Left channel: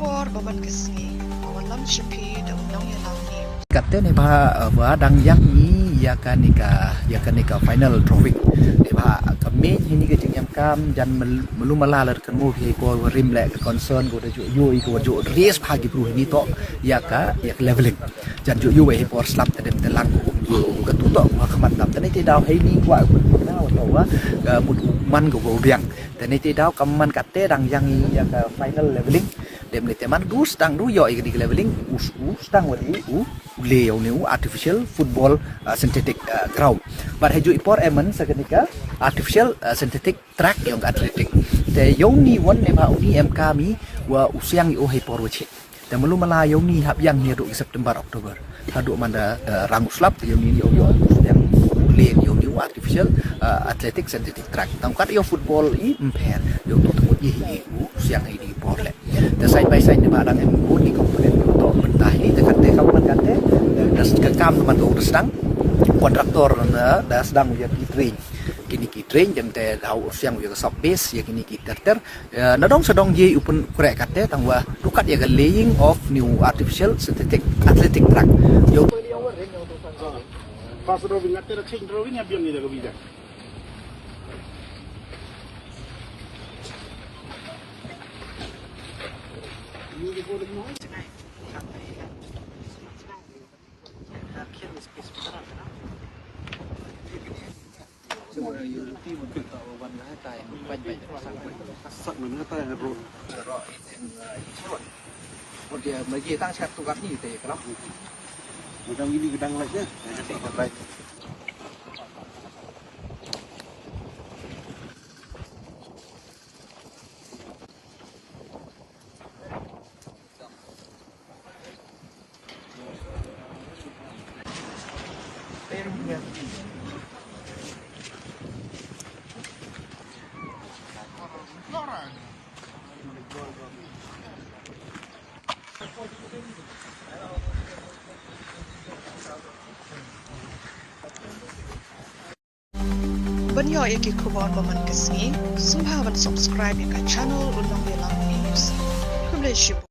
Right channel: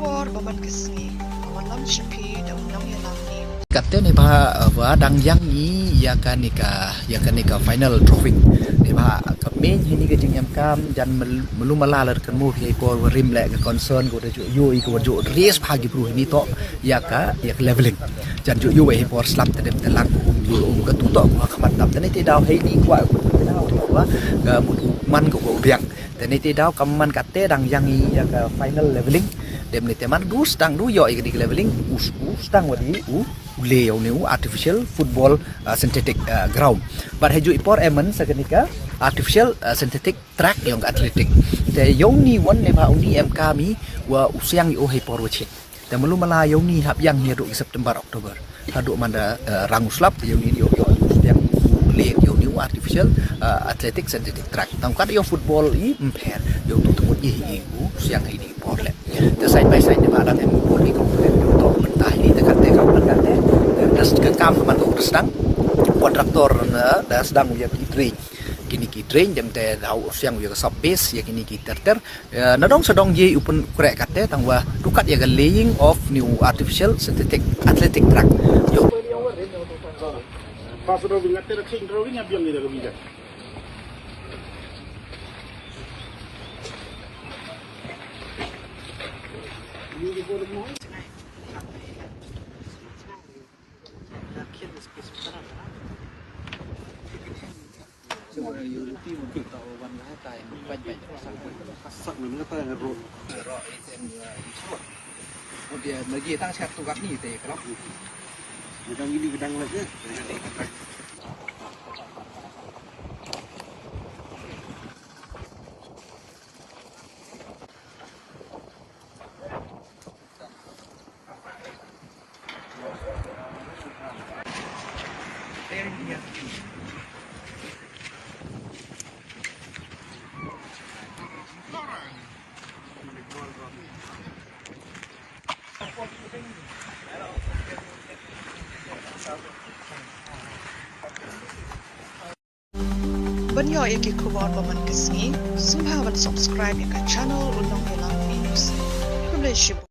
kubor baman kesni awan lam shipi da unang ya lam ni Kata ni bah dang yang ni ya kan nika final trophy ni bah main ini ke jeng kam dan melu malalar kan mu hi ko rim le concern ko ju yo ko ju race bagi pru ni to ya leveling jan ju yo hi por slap tadem telang ko yo ka tu to ko khamat tap tani te daw hi ni kwa ko daw to wa ka mut man ko biang tani te daw kam man katte dang yang ni ya ka final leveling dem ni teman du stang du yo i leveling stang wadi leo new artificial football synthetic ground but haju ipor emen sekenika artificial synthetic track yang athletic te yoni won ne ba uni mk mi wa usiang yo hai por wachit te melu mala yoni hab yang ni do September Oktober hadu manda ranguslap yoni yo usiang leo yo new artificial athletic synthetic track tangkat yo football i imper yo tu temut yi usiang hai di por le te side by side ne ba dang en pur ki komponen yo to mentah ini dekat te kamu kate kekam teman tu sedang kontraktor dah sedang uya train kini ki train jam te dau siang uya sub base ya kini ki terter nadong sedong je upun korek kate tangwa dukat ya laying of new artificial synthetic athletic track yo pas sudah ingat ter ting drawing yang biang dia bisa ini dia boleh mau semua Europe untuk tahu warna tai banyak sak mana tai ro itu dia bagi tang satu kat ni teh kalau gedang ini gedang lagi banyo iki kubor baman kesni sumhawan subscribe ka channel unang ya lam news kuble shibu